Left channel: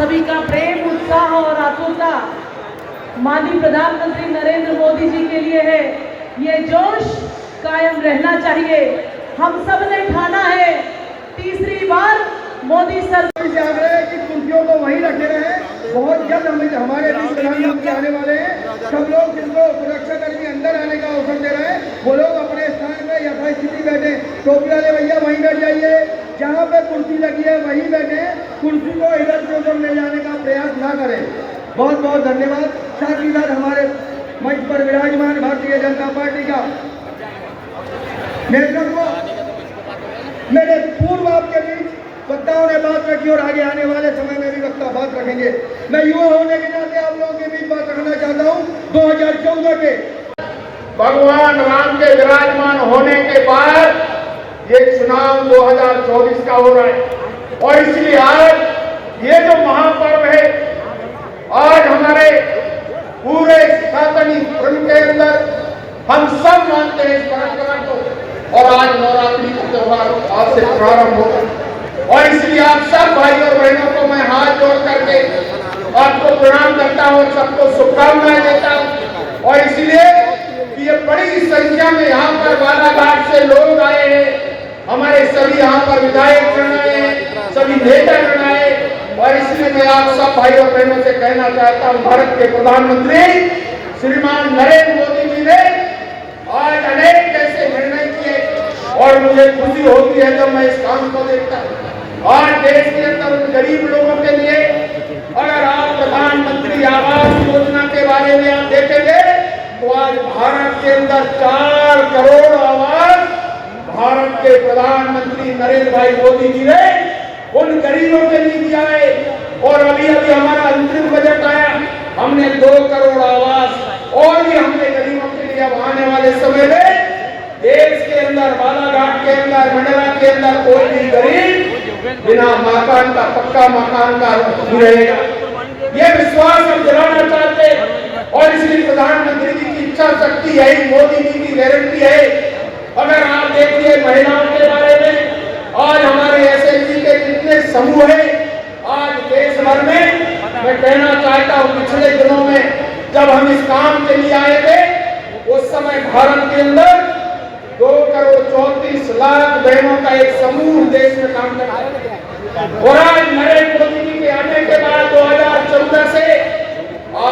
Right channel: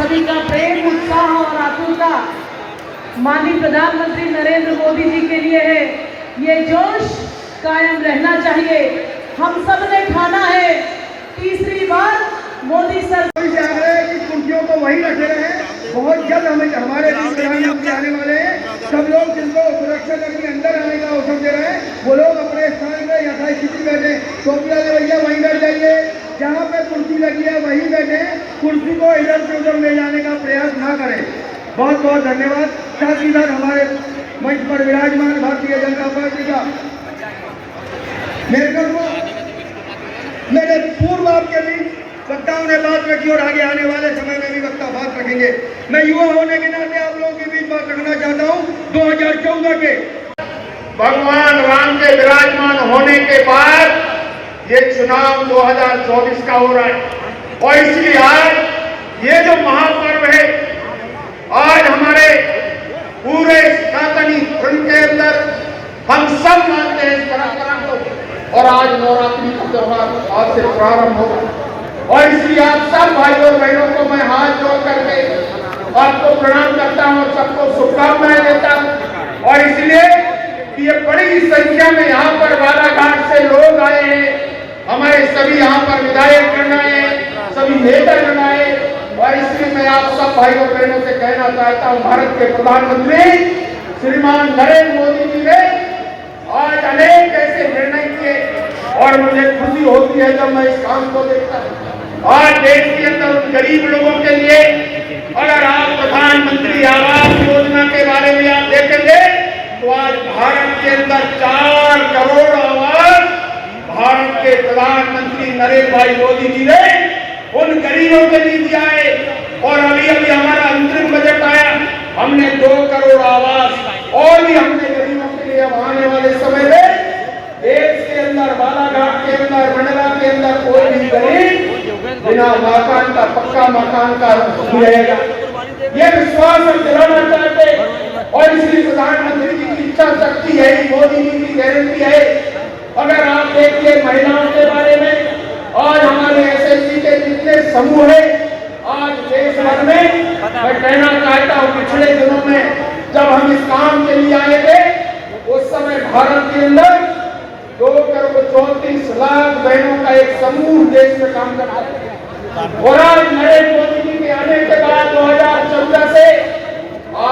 सभी का प्रेम, उत्साह और आतुरता माननीय प्रधानमंत्री नरेंद्र मोदी जी के लिए है। ये जोश कायम रहना चाहिए। हम सब ने ठाना है तीसरी बार मोदी सरकार से आग्रह है कि कुर्सियों को वहीं रखे रहे। बहुत जल्द हमारे प्रधानमंत्री आने वाले हैं। सब लोग जिनको सुरक्षा कर्मी अंदर आने का अवसर दे रहे हैं, वो लोग अपने स्थान पे या अपनी स्थिति बैठे। टोपिया ले भैया वहीं बैठ जाइए, जहाँ पे कुर्सी लगी है वहीं बैठे। कुर्सी को इधर से उधर ले जाने का प्रयास ना करें। बहुत बहुत धन्यवाद। साथ ही साथ हमारे मंच पर विराजमान भारतीय जनता पार्टी का मेरे पूर्व आपके बीच वक्ताओं ने बात रखी और आगे आने वाले समय में भी वक्ता बात रखेंगे। मैं युवा होने के नाते आप लोगों के बीच बात रखना चाहता हूँ। 2014 के भगवान राम के विराजमान होने के बाद ये चुनाव 2024 का हो रहा है और इसलिए आज ये जो महापर्व है, आज हमारे पूरे सनातनी धर्म के अंदर हम सब मानते हैं इस कार्यक्रम को और आज नवरात्रि का त्योहार आज से प्रारंभ होगा और इसलिए आप सब भाई और बहनों को मैं हाथ जोड़ करके आपको प्रणाम करता हूँ और सबको शुभकामनाएं देता हूँ। और इसलिए ये बड़ी संख्या में यहाँ पर बालाघाट से लोग आए हैं, हमारे सभी यहाँ पर विधायक गण आए हैं, सभी नेता गण आए और इसलिए मैं आप सब भाई और बहनों से कहना चाहता हूँ, भारत के प्रधानमंत्री श्रीमान नरेंद्र मोदी जी ने आज अनेक ऐसे निर्णय किए और मुझे खुशी होती है जब मैं इस काम को देखता हूँ। आज देश के अंदर गरीब लोगों के लिए अगर आप प्रधानमंत्री आवास योजना के बारे में आप देखेंगे तो आज भारत के अंदर 4 करोड़ आवास भारत के प्रधानमंत्री नरेंद्र भाई मोदी जी ने उन गरीबों के लिए दिया है। और अभी अभी हमारा अंतरिम बजट आया, हमने 2 करोड़ आवास और भी हमने गरीबों के लिए अब आने वाले समय में देश के अंदर बालाघाट के अंदर मंडला के अंदर कोई भी गरीब बिना मकान का पक्का मकान का नहीं रहेगा। यह विश्वास हम दिलाना चाहते हैं और इसलिए प्रधानमंत्री जी की इच्छा शक्ति है, मोदी जी की गारंटी है। अगर आप देखिए महिलाओं के बारे में, आज हमारे एसएसजी के कितने समूह है आज देश भर में। मैं कहना चाहता हूँ पिछले दिनों में जब हम इस काम के लिए आए थे उस समय भारत के अंदर 2 करोड़ 34 लाख बहनों का एक समूह देश में काम करता है और आज नरेंद्र मोदी जी के आने के बाद 2014 से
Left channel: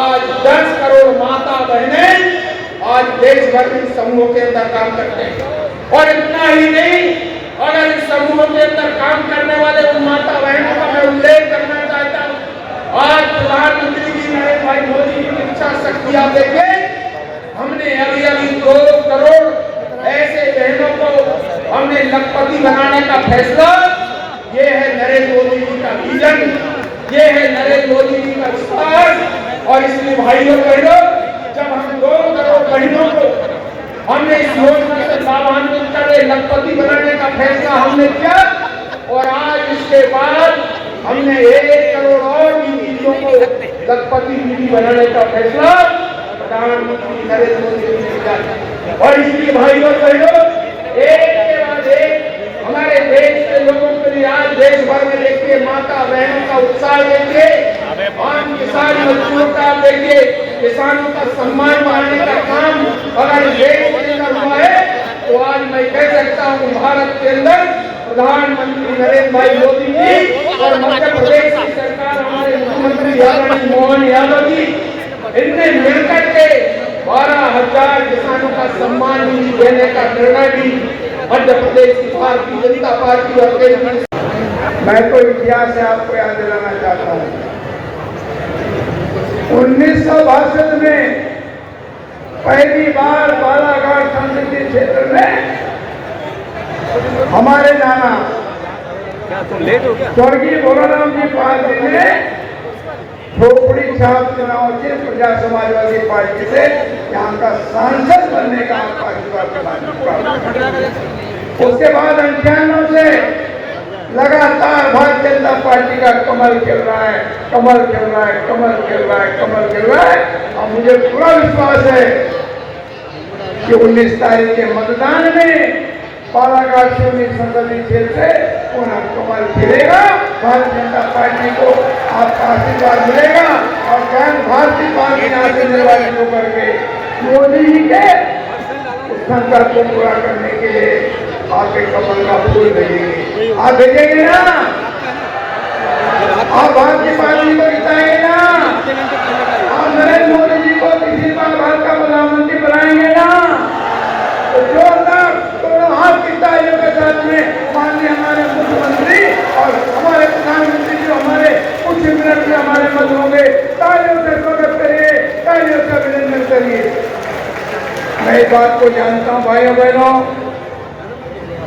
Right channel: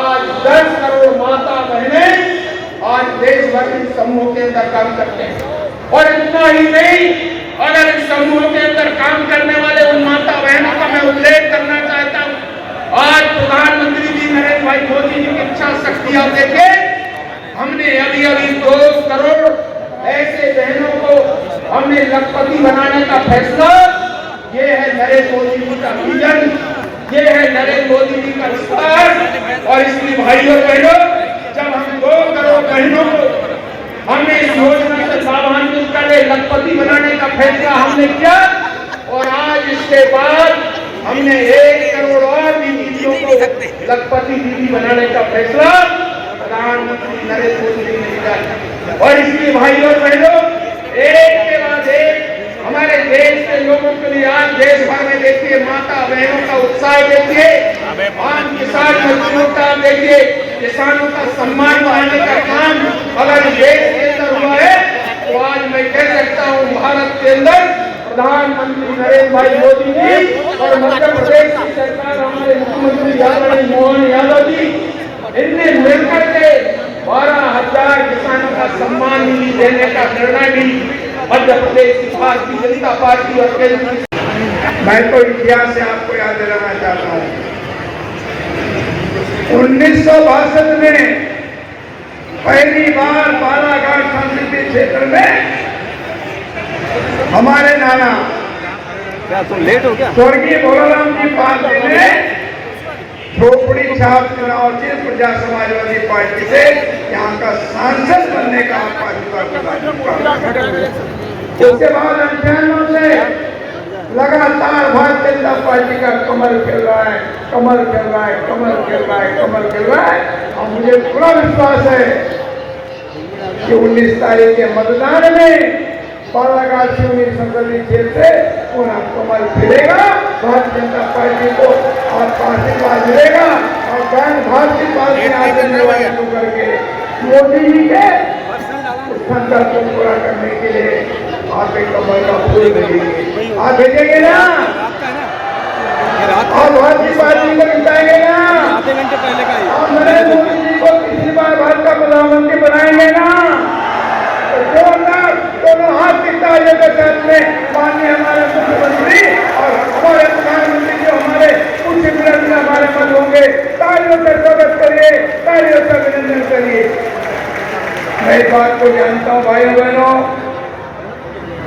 आज 10 करोड़ माता बहनें आज देश भर में समूह के अंदर काम करते हैं। और इतना ही नहीं, अगर इस समूह के अंदर काम करने वाले उन माता बहनों का मैं उल्लेख करना चाहता हूँ। आज प्रधानमंत्री जी नरेंद्र भाई मोदी जी की इच्छा शक्ति आप देखिए, हमने अभी अभी 2 करोड़ ऐसे बहनों को हमने लखपति बनाने का फैसला, ये है नरेंद्र मोदी जी का विजन, ये है नरेंद्र मोदी जी का विश्वास। और इसलिए भाइयों बहनों, जब हम 2 करोड़ बहनों को हमने इस योजना से लाभान्वित करे लखपति बनाने का फैसला हमने किया और आज इसके बाद हमने 1 करोड़ और भी दीदियों को लखपति दीदी बनाने का फैसला प्रधानमंत्री नरेंद्र मोदी जी ने किया। और इसलिए भाइयों बहनों, एक के बाद एक हमारे देश के लोगों के लिए आज देश भर में देखिए माता बहनों का उत्साह देखिए, आम किसान मजदूरों का देखिए, किसानों का सम्मान करने का काम अगर देश के अंदर हुआ है तो आज मैं कह सकता हूँ भारत के अंदर प्रधानमंत्री नरेंद्र भाई मोदी जी और मध्य प्रदेश की सरकार हमारे मुख्यमंत्री मोहन यादव जी, इनने मिलकर के 12,000 किसानों का सम्मान निधि देने का निर्णय भी मध्य प्रदेश की भारतीय जनता पार्टी और केंद्र। मैं तो इतिहास से आपको याद दिलाना चाहता हूँ, 1962 में पहली बार बालाघाट संसदीय क्षेत्र में हमारे नाना स्वर्गीय भोलाराम जी पांडे ने खोपड़ी छाप चुनाव जीत प्रजा समाजवादी पार्टी से यहाँ का सांसद बनने का उसके बाद 98 से लगातार भारतीय जनता पार्टी का कमल खेल रहा है, कमल खेल रहा है, कमल खेल रहा है, कमल खेल रहा है। और मुझे पूरा विश्वास है कि 19 तारीख के मतदान में बालाघाट संसदीय क्षेत्र से पूरा कमल खिलेगा भारतीय जनता पार्टी को आपका आशीर्वाद मिलेगा और भारतीय पार्टी आगे निर्वाचित होकर के मोदी जी के संकल्प को पूरा करने के लिए आप एक कमल का फूल भेजेंगे। आप भेजेंगे ना? आप भारतीय पार्टी को जिताएंगे ना? आप नरेंद्र मोदी जी को किसी बार भारत का प्रधानमंत्री बनाएंगे ना? तो दोनों हाथ की तालियों के साथ में माननीय हमारे मुख्यमंत्री और हमारे प्रधानमंत्री जो हमारे उच्च मिनट में हमारे मत होंगे, तालियों से स्वागत करिए, तालियों से अभिनंदन करिए। मैं इस बात को जानता हूँ भाइयों बहनों,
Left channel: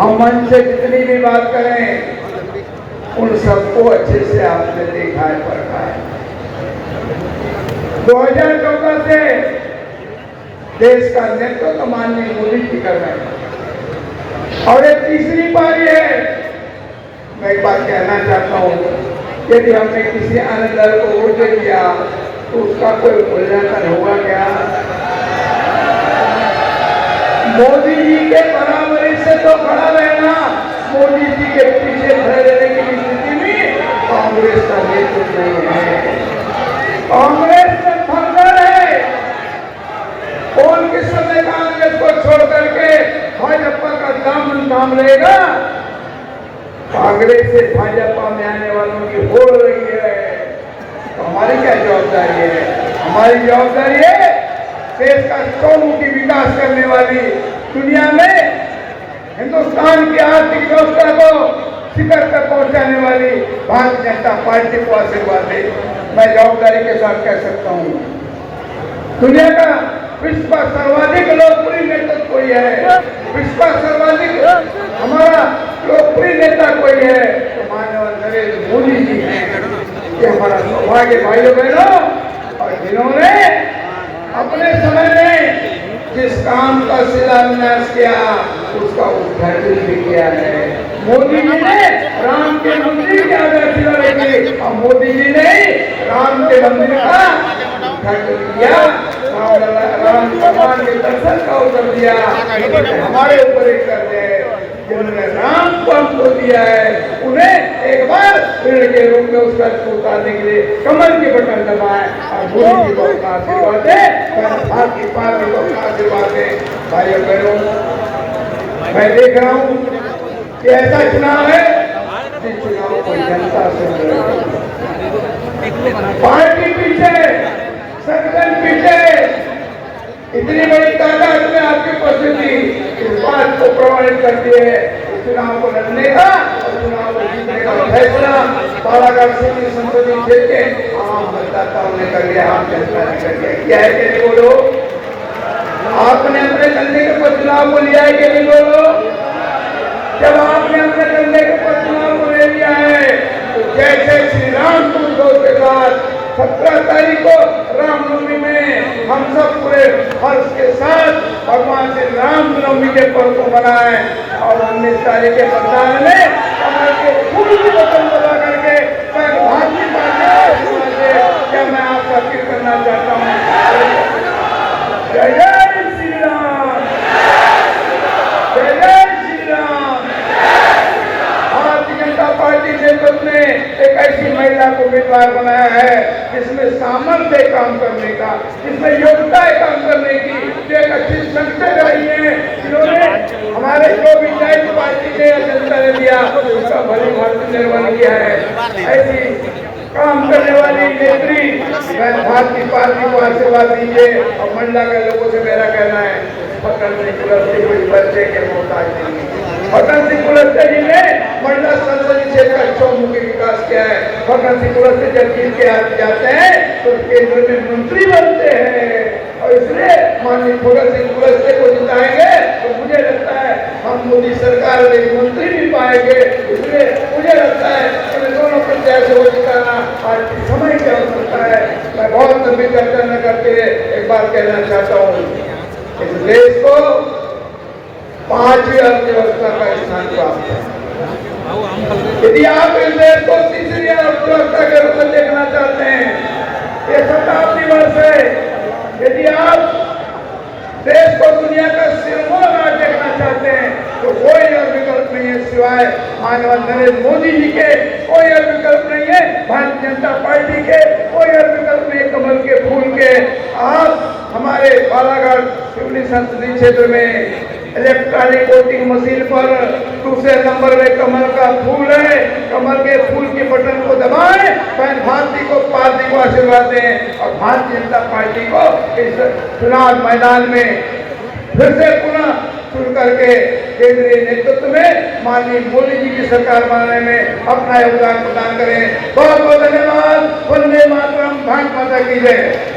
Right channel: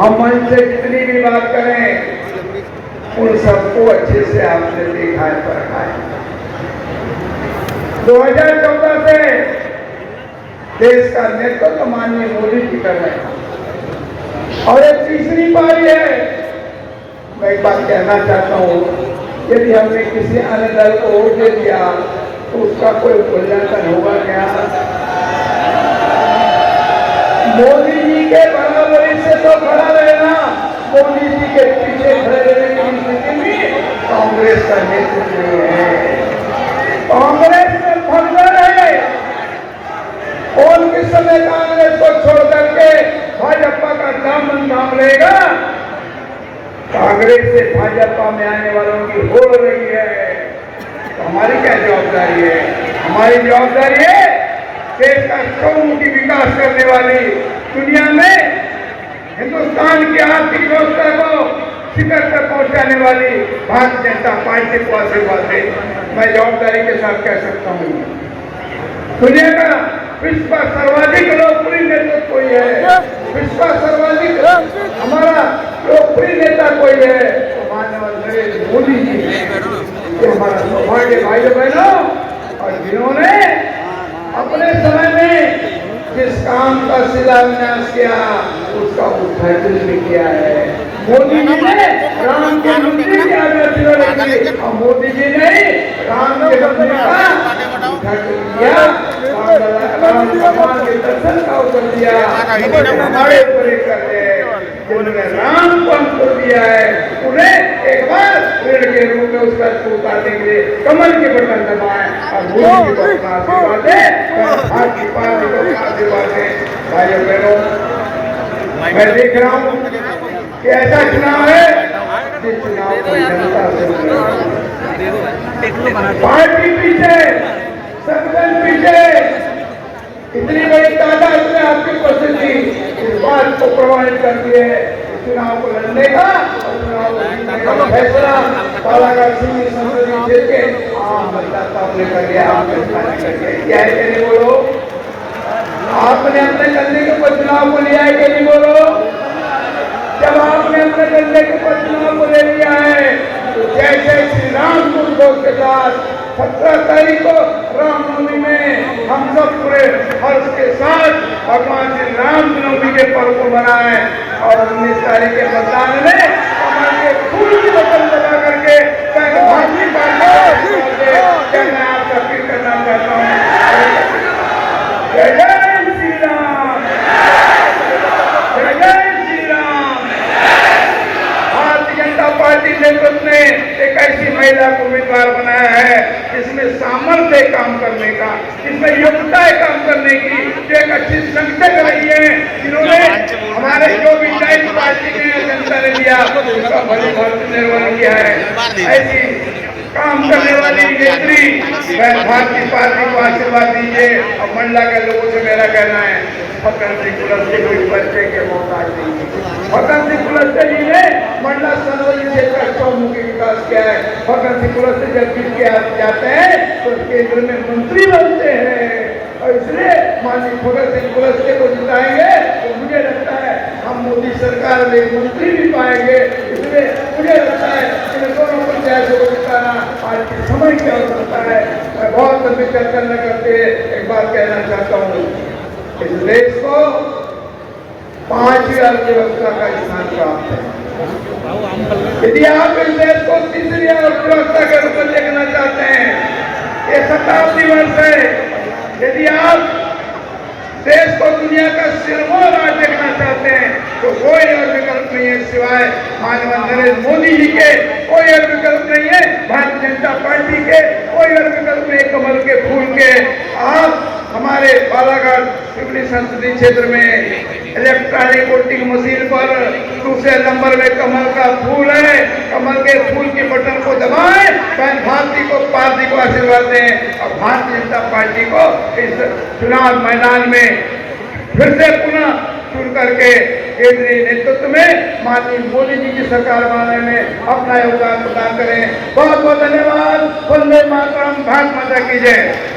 हम मन से जितनी भी बात करें उन सबको अच्छे से आपने देखा है, पढ़ा है। 2014 से देश का नेतृत्व माननीय मोदी जी कर रहे हैं और ये तीसरी बारी है। मैं एक बात कहना चाहता हूँ, यदि हमने किसी अन्य दल को वोट दे दिया तो उसका कोई मूल्यांकन होगा क्या? मोदी जी के बराबरी से तो खड़ा रहना, मोदी जी के पीछे खड़े रहने की स्थिति में कांग्रेस का नेतृत्व नहीं है। कांग्रेस में भगवान है। कौन किस समय कांग्रेस को छोड़ करके भाजपा का दामन थाम लेगा? कांग्रेस से भाजपा में आने वालों की हो रही है। तो हमारी क्या जवाबदारी है? हमारी जवाबदारी है देश का चौमुखी विकास करने वाली, दुनिया में हिंदुस्तान की आर्थिक व्यवस्था को शिखर तक पहुंचाने वाली भारतीय जनता पार्टी को आशीर्वाद दे। मैं जवाबदारी के साथ कह सकता हूँ, दुनिया का विश्व का सर्वाधिक लोकप्रिय नेतृत्व कोई है, विश्व का सर्वाधिक हमारा लोकप्रिय नेता कोई है तो माननीय नरेंद्र मोदी जी है। ये हमारा सौभाग्य भाइयों बहनों, और जिन्होंने अपने समय में जिस काम का शिलान्यास किया उसका उद्घाटन भी किया है। मोदी जी ने राम के मंदिर की आधारशिला रखी और मोदी जी ने राम के मंदिर का उद्घाटन किया, राम भगवान के दर्शन का अवसर दिया। हमारे ऊपर एक करते हैं जिन्होंने राम को हमको दिया है, उन्हें एक बार पेड़ के रूप में उसका उतारने के लिए कमल के बटन दबाए और मोदी जी को आशीर्वाद है, भारतीय पार्टी को आशीर्वाद है। भाइयों बहनों, मैं देख रहा हूँ कि ऐसा चुनाव है जिस चुनाव को जनता से पार्टी पीछे, संगठन पीछे, इतनी बड़ी तादाद में आपकी उपस्थिति इस बात को प्रभावित करती है इस चुनाव को लड़ने का, चुनाव को जीतने का फैसला बालाघाट सिंह संसदीय क्षेत्र के आम मतदाताओं ने कर दिया, आम जनता ने कर दिया। क्या है कि नहीं बोलो? आपने अपने कंधे के ऊपर चुनाव को लिया है कि नहीं बोलो? जब आपने अपने कंधे के ऊपर चुनाव को ले लिया है तो जैसे श्री राम के साथ 17 तारीख को रामनवमी में हम सब पूरे हर्ष के साथ भगवान श्री रामनवमी के पर्व को मनाए और 19 तारीख के मतदान में फूल की बटन दबा करके भारतीय पार्टी मैं आपका अपील करना चाहता हूँ। जय जय श्री राम, जय जय श्री राम। भारतीय जनता पार्टी नेतृत्व ने एक ऐसी महिला को उम्मीदवार बनाया है जिसमें सामर्थ्य काम करने का, जिसमें योग्यता है काम करने की, जो एक अच्छी संगठक रही है, जिन्होंने हमारे जो भी दायित्व पार्टी के जनता ने दिया उसका भली भांति निर्वहन किया है। ऐसी काम करने वाली नेत्री मैं भारतीय पार्टी को आशीर्वाद दीजिए। और मंडला के लोगों से मेरा कहना है, फकन सिंह कुलस्ते कोई बच्चे के मोहताज नहीं है। फकन सिंह कुलस्ते जी ने मंडला संसदीय क्षेत्र का चौमुखी विकास किया है। फकन सिंह कुलस्ते जब जीत के हाथ जाते हैं तो केंद्र में मंत्री बनते हैं और इसलिए माननीय फकन सिंह कुलस्ते को जिताएंगे तो मुझे लगता है हम मोदी सरकार में मंत्री भी पाएंगे। इसलिए मुझे लगता है इन दोनों प्रत्याशियों को जिताना आज के समय की आवश्यकता है। मैं बहुत लंबी चर्चा न करते एक बात कहना चाहता हूँ, इस देश को 5वीं अर्थव्यवस्था का स्थान प्राप्त है। यदि आप इस देश को तीसरी अर्थव्यवस्था के रूप में देखना चाहते हैं, ये शताब्दी वर्ष है। यदि आप देश को दुनिया का सिरमौर राज्य देखना चाहते हैं तो कोई और विकल्प नहीं निर्वाचन क्षेत्र में इलेक्ट्रॉनिक वोटिंग मशीन पर दूसरे नंबर में कमल का फूल है, कमल के फूल के बटन को दबाएं, पार्टी को आशीर्वाद दें और भारतीय जनता पार्टी को इस चुनाव मैदान में फिर से पुनः चुन करके केंद्रीय नेतृत्व में माननीय मोदी जी की सरकार बनाने में अपना योगदान प्रदान करें। बहुत बहुत धन्यवाद। वंदे मातरम। भारत माता की जय।